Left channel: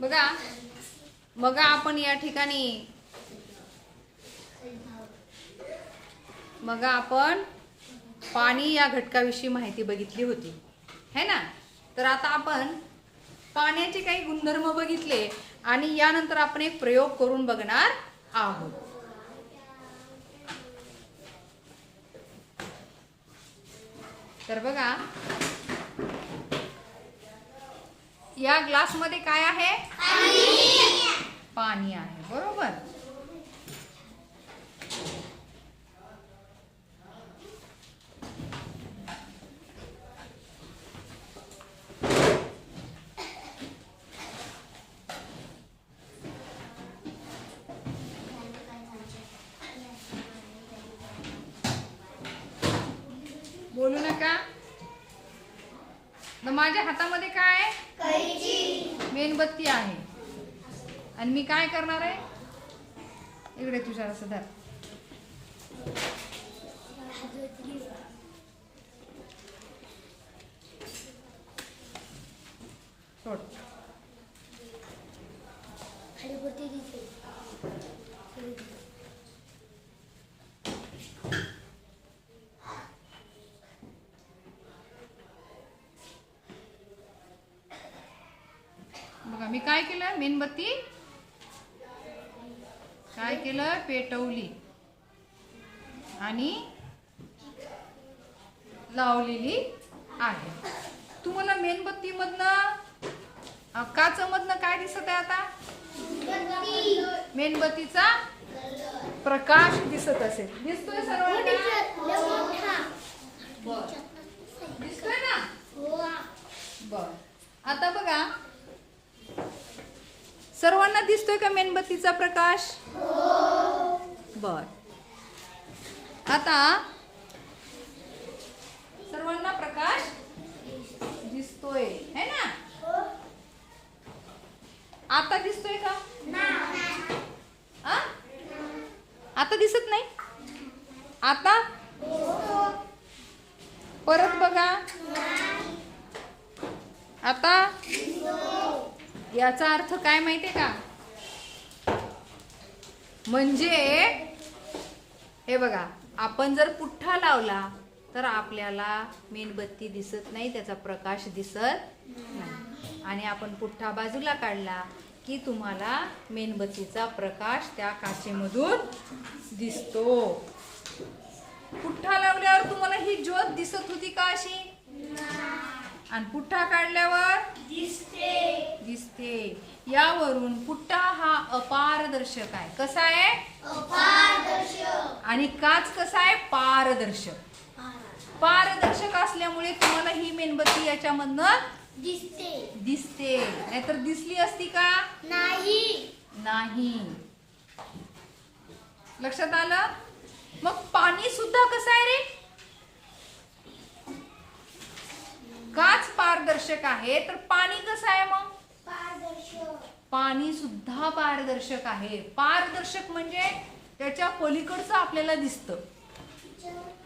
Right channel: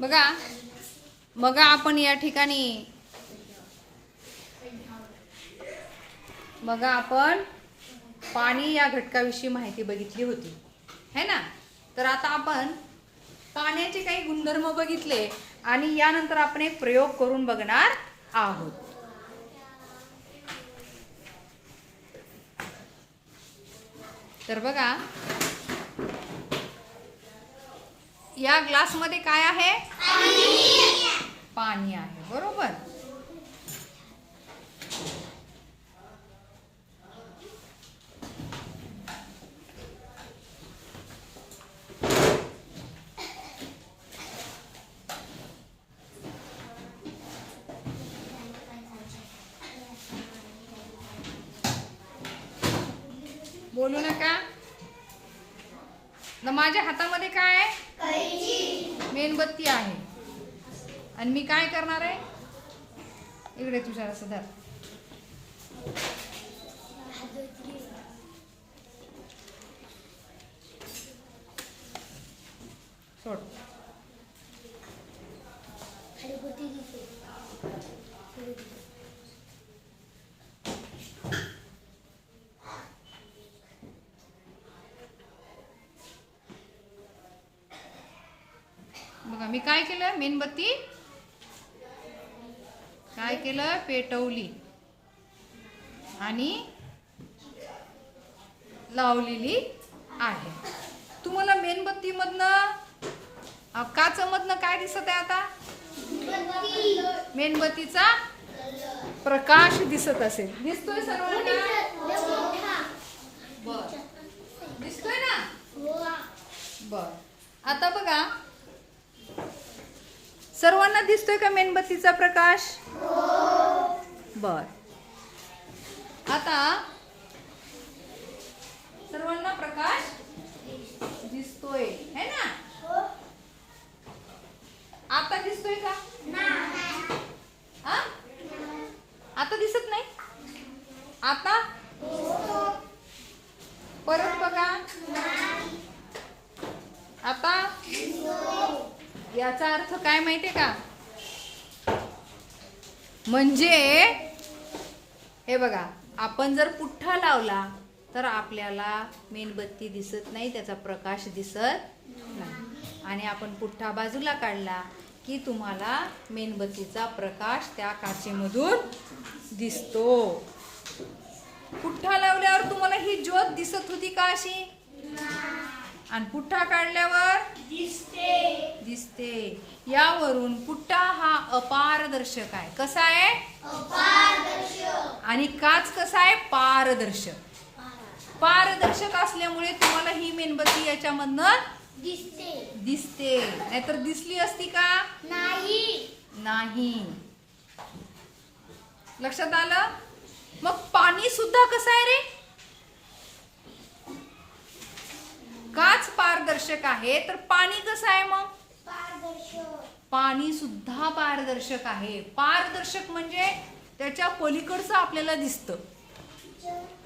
बघा. बघा आपण या ठिकाणी. बघा आपण पाणी या घटकाविषयी माहिती बघितली होती. है ना? तर आता आपण पाण्याचे काही गुणधर्म बघितले आणि यानंतर आपण एक प्रयोग करून बघणार आहोत. तर बघा. या ग्लासमध्ये काय आहे? पाणी आहे बरोबर? बोलू नका. माझ्या हातामध्ये काय आहे मेणबत्ती आहे. आणि मी काय करणार आहे? इकडे तुझ्या असं धर. सोड. बघा मी काय केलं मेणबत्ती. काय केलं पेटवली. आणि लावलेली आहे. तुम्हाला मेणबत्ती मधनं काच मधनं काय दिसत आहे आता मेणबत्तीचा प्रकाश दिसत असेल. दिसतोय सर्वांना बर दिसतोय ना बर आता बघा सर्वांना दिसतोय का मेणबत्तीचा प्रकाश? बर. आता सर्वांना प्रकाश दिसतोय है ना? आता दिसतोय का? आ? आता दिसत नाही? आता? परत बघा. आता? याचा अर्थ काय माहितीये का? म्हणजे हे बघा आपण जर पुठ्ठा लावला तर आपल्याला मेणबत्ती दिसत नाही त्याचा प्रकाश दिसत नाही. आणि आपण पुठ्ठा बाजूला काढला की तुम्हाला मेणबत्तीचा प्रकाश त्या काचेमधून दिसतो. पुठ्ठा लावल्यावर तुम्हाला ही ज्योत दिसत होती का अशी? आणि पुठ्ठा काढल्यावर? दिसते. यावरून पुठ्ठा हा अपारदर्शक आहे. कसा आहे? आणि काच कसा आहे? पारदर्शक. पारदर्शक असल्यामुळे तुम्हाला ही मेणबत्ती याच्यामधनं दिसते. नाहीतर दिसली असती का? नाही. लक्षात आलं? मग पाणी सुद्धा कसं आहे रे काच पारदर्शक आहे. तर पाणी कसं आहे मग? पाणी सुद्धा पारदर्शक आहे. पारदर्शक म्हणजे त्याच्या पलीकडचं आपल्याला दिसतं.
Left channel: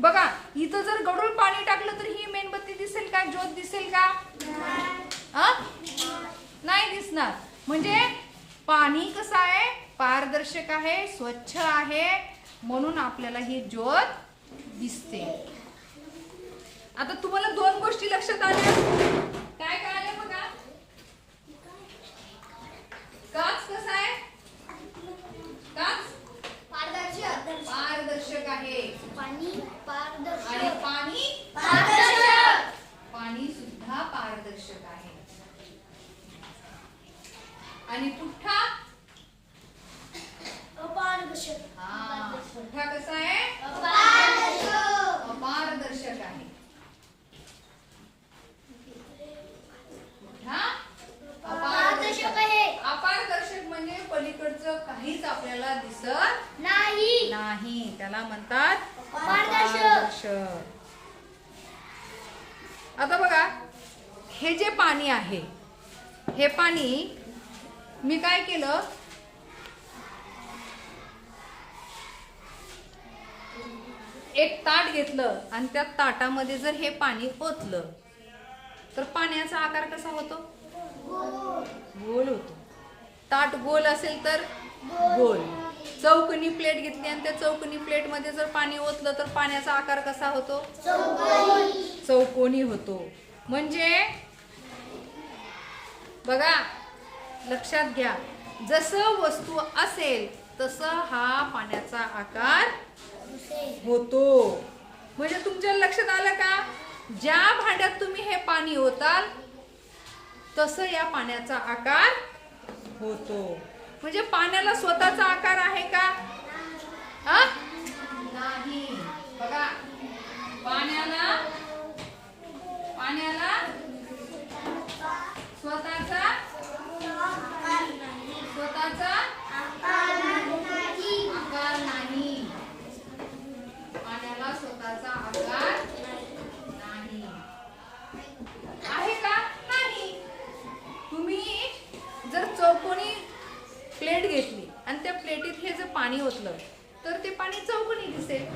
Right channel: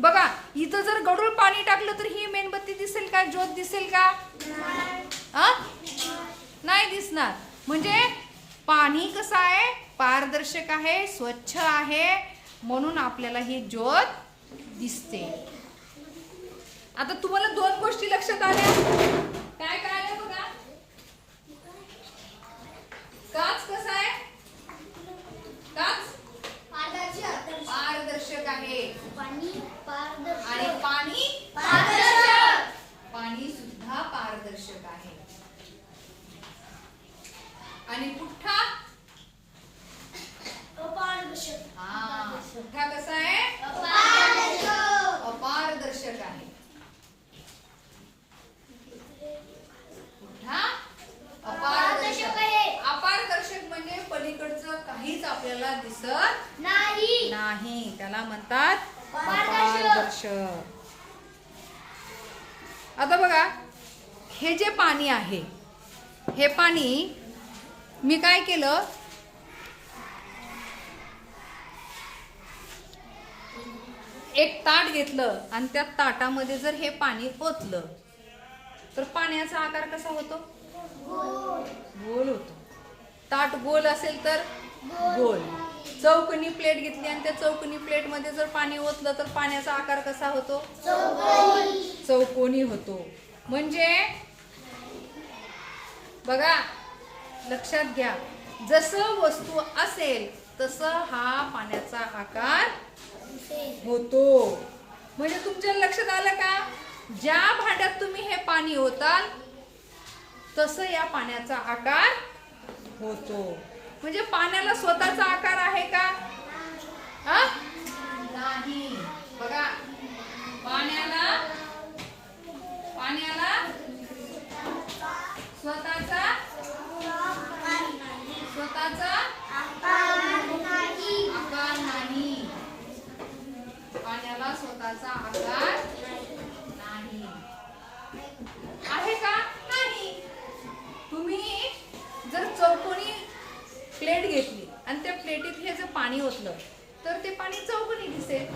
बघा इथं जर गडूळ पाणी टाकलं तर ही मेणबत्ती दिसेल का? ज्योत दिसेल का? नाही दिसणार. म्हणजे पाणी कसं आहे? पारदर्शक आहे स्वच्छ आहे. म्हणून आपल्याला ही ज्योत दिसते. आता तुम्हाला दोन गोष्टी लक्षात आल्या. काय काय आलं बघा काच कसा आहे काच पारदर्शक आहे आणि पाणी पाणी सुद्धा पारदर्शक आहे आणि पुठ्ठा हा पुठ्ठा कसा आहे अपारदर्शक आहे पुठ्ठा अपारदर्शक अपारदर्शक म्हणजे पलीकडचं काहीच आपल्याला दिसत नाही. त्याला म्हणतात. अपारदर्शक आता बघा हे जे पाणी आहे हे पाणी मी काय केलं? एक ताट घेतलं आणि त्या ताटामध्ये जर हे पाणी ओतलं तर पाण्याचा आकार कसा होतो? गोल होतो. ताट गोल असेल तर गोल. चौकनी प्लेट घेतली आणि त्या चौकनी प्लेटमध्ये जर पाणी ओतलं तर पाण्याचा आकार कसा होतो? चौकोनी होतो. म्हणजे बघा लक्षात घ्या. जसं वस्तू असेल तसं हा पाण्याचा आकार होतो. म्हणजे तुमच्या लक्षात आलं का? ज्या भांड्यात तुम्ही हे पाणी ओताल तसं या पाण्याचा आकार होतो. म्हणजे पाण्याला स्वतःचा आकार आहे का? हा? नाही. बघा पाण्याला पाण्याला स्वतःचा स्वतःचा आकार नाही पाण्याला स्वतःचा आकार नाही आहे का नाही तुम्ही जर चौकोनी प्लेट घेतली आणि त्या प्लेटीत हे जर पाणी ओतलं तर ते पाणी चौकोनी दिसेल.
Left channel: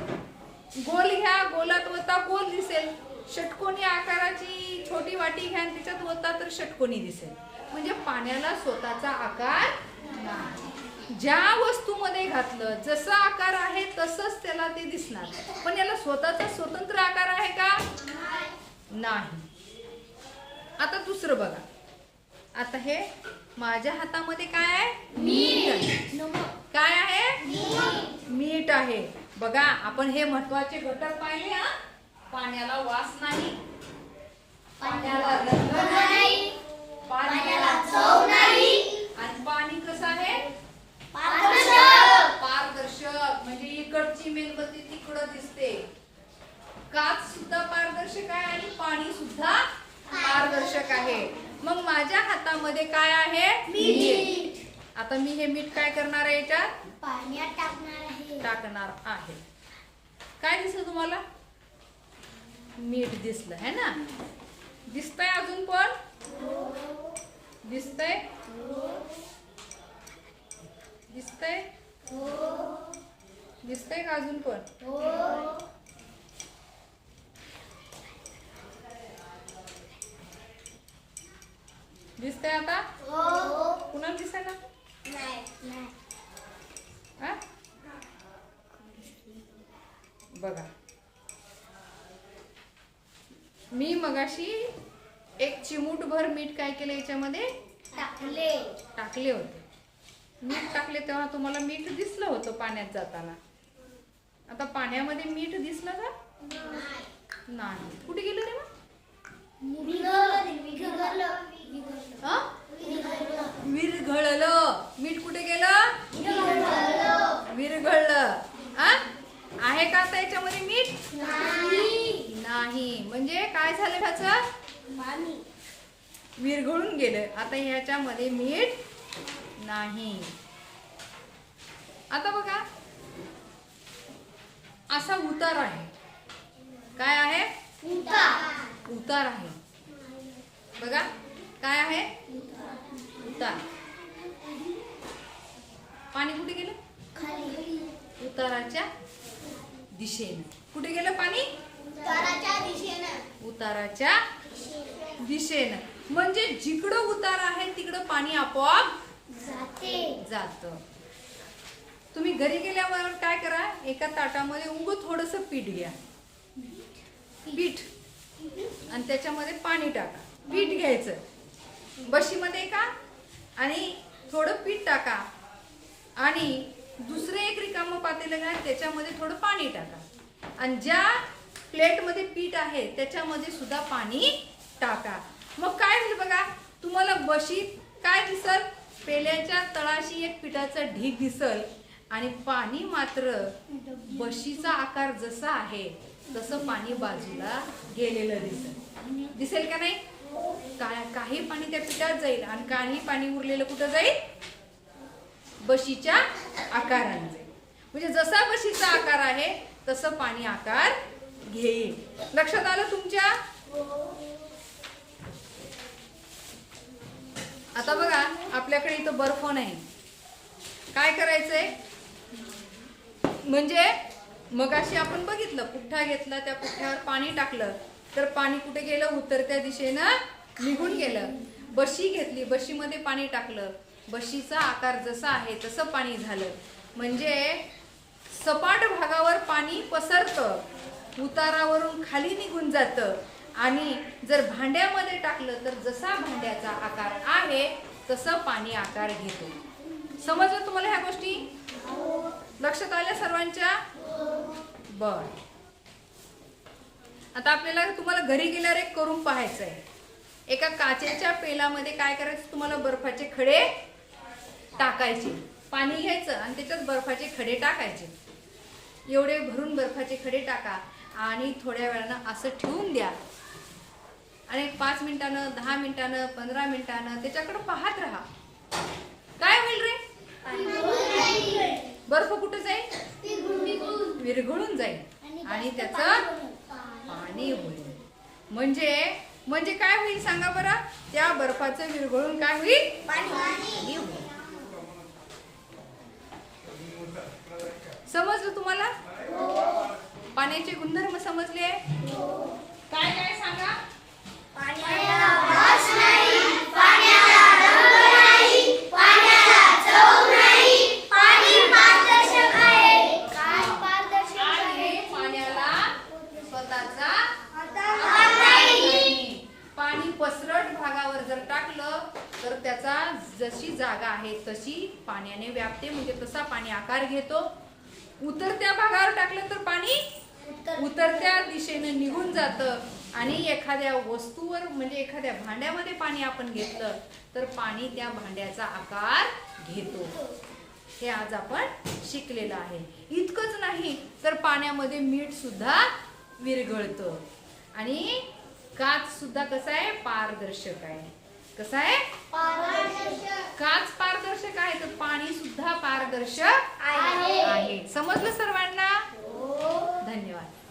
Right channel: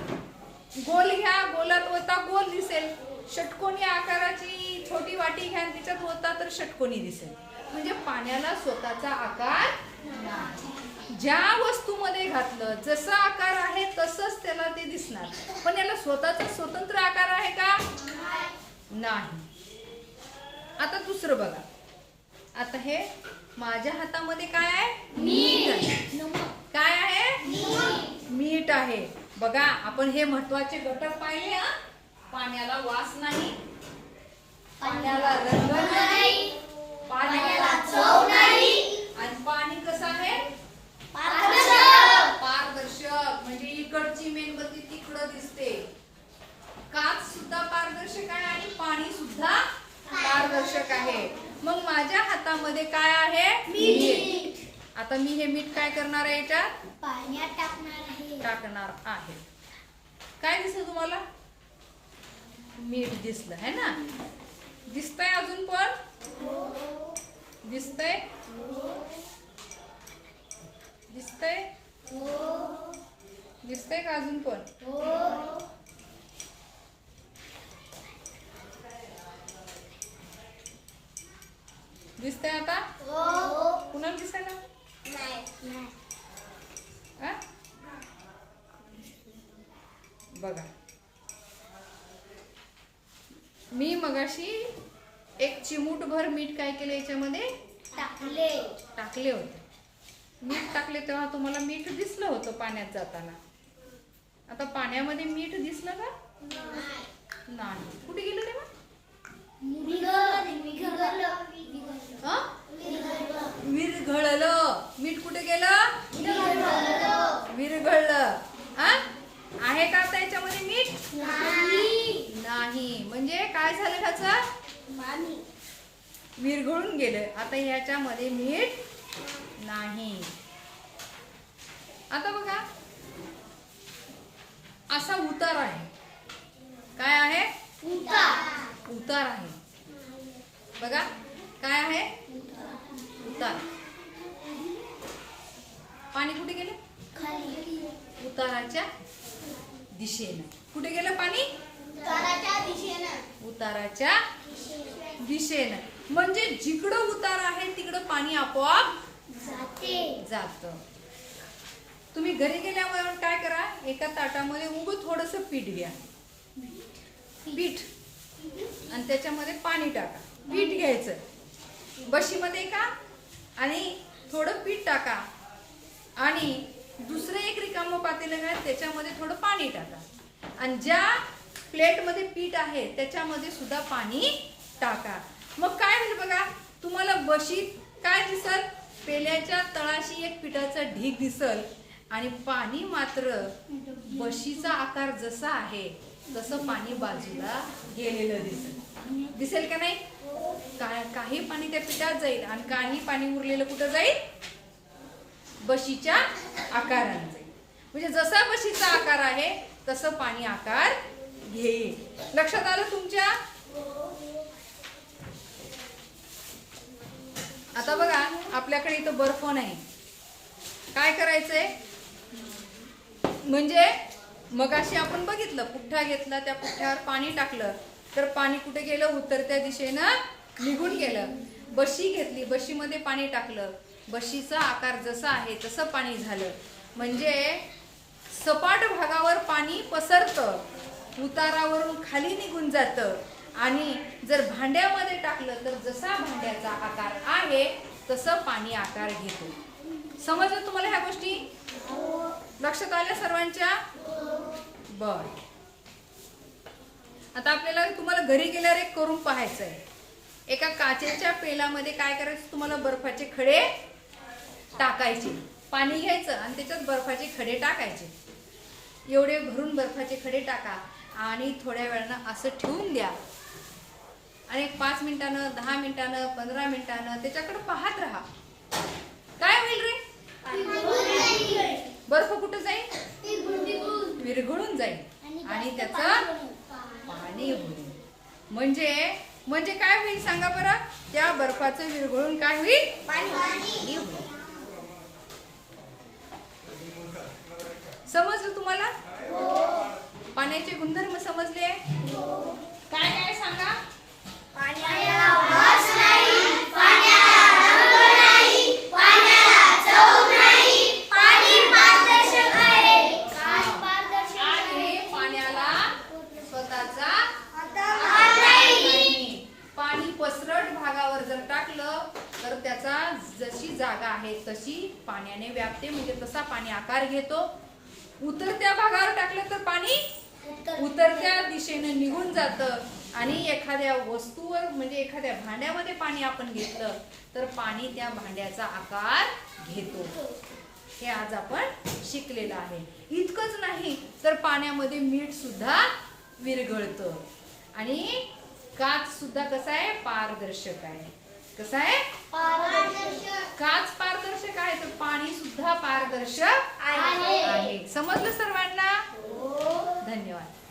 गोल घ्या गोलात ओता गोल दिसेल. षटकोनी आकाराची छोटी वाटी घ्या आणि त्याच्यात ओता तर षटकोनी दिसेल. म्हणजे पाण्याला स्वतःचा आकार नाही. ज्या वस्तूमध्ये घातलं जसा आकार आहे तसंच त्याला ते दिसणार. पण याला स्वतःचा स्वतंत्र आकार आहे का? नाही. आता दुसरं बघा. आता हे माझ्या हातामध्ये काय आहे? काय आहे? मीठ आहे. बघा आपण हे महत्त्वाचे घटक पाहिले हा? पाण्याला वास नाही. पाण्याला रंग नाही. पाण्याला चव नाही. आणि पाणी कसं आहे? पारदर्शक. म्हणजे इकडची मेणबत्ती तिकडं दिसते. काच सुद्धा पारदर्शक आहे आणि पाणी सुद्धा पारदर्शक आहे. मग माझ्या हातामध्ये काय आहे? मीठ. आता मी हे मीठ काय करणार आहे याच्यात? पाण्यात टाकणार आहे. टाकणार आहे. काय दिसलं तुम्हाला? मीठ दिसलं है ना? दिसतंय अजून पण? दिसतंय? दिसतंय? दिसतंय का अजून पण? दिसतंय आता? कुणाला दिसायला? हा? बघा. मी मगाशी एक चिमूटभर मीठ काय केलं याच्यामध्ये? टाकले. टाकले होते. मीठ टाकले तेव्हा तुम्हाला मीठ दिसलं होतं पाण्यात जाताना. आता पाण्यामध्ये मीठ दिसलं का? नाही. कुठे गेलं तेव्हा? विरघळलं. मीठ कुठे गेलं? विरघळलं. हा? आहे का आता याच्यामध्ये मीठ? नाही. म्हणजे काय झालं त्याचं? पाणी. विरघळून गेलं. आता याच्यामध्ये मीठ नाही. आता बघा. असा उतार आहे. काय आहे? उतार. आहे. बघा. काय आहे? उतार. पाणी कुठे गेलं? खाली उताराच्या दिशेने. कुठे गेलं पाणी? उताराच्या दिशेनं उताराच्या दिशेनं. म्हणजे जिकडं उतार आहे तिकडं पाणी आपोआप जाते. जात. तुम्ही घरी गेल्यावर काय करा एका ताटामध्ये उग थोडस पीठ घ्या. पीठ. आणि त्याच्यामध्ये पाणी टाका. पीठ घ्यायचं. बशीमध्ये का? आणि थोडं पीठ टाका. आणि दुसरे एक रिकामं पातेलं घ्या त्याच्यामध्ये थोडं पाणी टाका. आणि ज्या प्लेटमध्ये पीठ आहे त्याच्यामध्ये सुद्धा पाणी टाका. मग काय होईल बघा तुम्हाला बशीत काय दिसल? पेल्याच्या तळाशी एक पिठाचा ढीग दिसल. आणि पाणी मात्र बशीचा आकार जसा आहे तसं पाणी बाजूला गेलेलं दिसेल. दिसेल का नाही? काही पाणी त्या पिठात जाईल आणि काही पाणी उरलेलं कुठं जाईल? बशीच्या आकाराने जाईल म्हणजे जसा बशीचा आकार आहे तसं पाणी आकार घेईल. लक्षात आलं तुमच्या? आता बघा आपल्याकडे इथं बर्फ नाही. काय करायचंय? म्हणजे मगाशी आपण बघितलं पुठ्ठा घेतला त्या पुठ्ठ्यावर पाणी टाकलं तर पाणी कुठे गेलं? उतरत्या दिशेनं निघून गेलं. बशी घेतली बशीमध्ये पाणी टाकलं. बशीचा आकार जसा आहे तसं पाणी झालं. म्हणजे सपाट भागावर पाणी पसरतं उतारावरून खाली निघून जातं. आणि जर भांड्यामध्ये टाकलं तर जसा भांड्याचा आकार आहे तसं पाणी आकार घेतो. समजलं तुम्हाला ह्या गोष्टी? लक्षात आल्या सर्वांच्या? बर. आता आपल्याला तुम्हाला घरी गेल्यावर एक करून पाहायचं आहे एका काचेच्या पेलामध्ये काय करायचं तुम्हाला बर्फाचे खडे? टाकायचे. पाणी घ्यायचं आणि त्याच्यात बर्फाचे खडे टाकायचे. एवढे भरून बर्फाचे खडे टाका आणि थोड्या वेळानं असं ठेवून द्या. आणि पाच मिनिटानं दहा मिनिटानं पंधरा मिनिटानं त्याच्याकडे पाहत राहा. काय होईल रे? बर्फ कुठं जाईल? विरघळून जाईल. आणि त्याचं पाणी होईल. म्हणजे म्हणजे काय होईल सांगा बरं? त्या बर्फाचं विरघळून काय होईल? पाणी होईल. समजलं तुम्हाला? पाण्याचे गुणधर्म समजले काय काय सांगा. पाणी पसरट भागावर जर टाकलं तर त्याचा जशी जागा आहे तशी पाण्याने व्यापते. म्हणजे तसा पाणी आकार घेतो. उतरत्या भागावर टाकलं तर पाणी उतरत्या दिशेने निघून जातं. आणि एखाद्या वस्तूवर म्हणजे एखाद्या भांड्यामध्ये पाणी आपण घेतलं तर पाणी त्या भांड्याचा आकार घेतो. हे आज आपण शिकलेलं आहे. इतकंच नाही तर पाण्यामध्ये मीठ सुद्धा विरघळतं. आणि काच सुद्धा कसा आहे? पारदर्शक आहे. कसा आहे? काच पारदर्शक आहे तर पाणी सुद्धा पारदर्शक आहे. समजलं सर्वांना? धन्यवाद.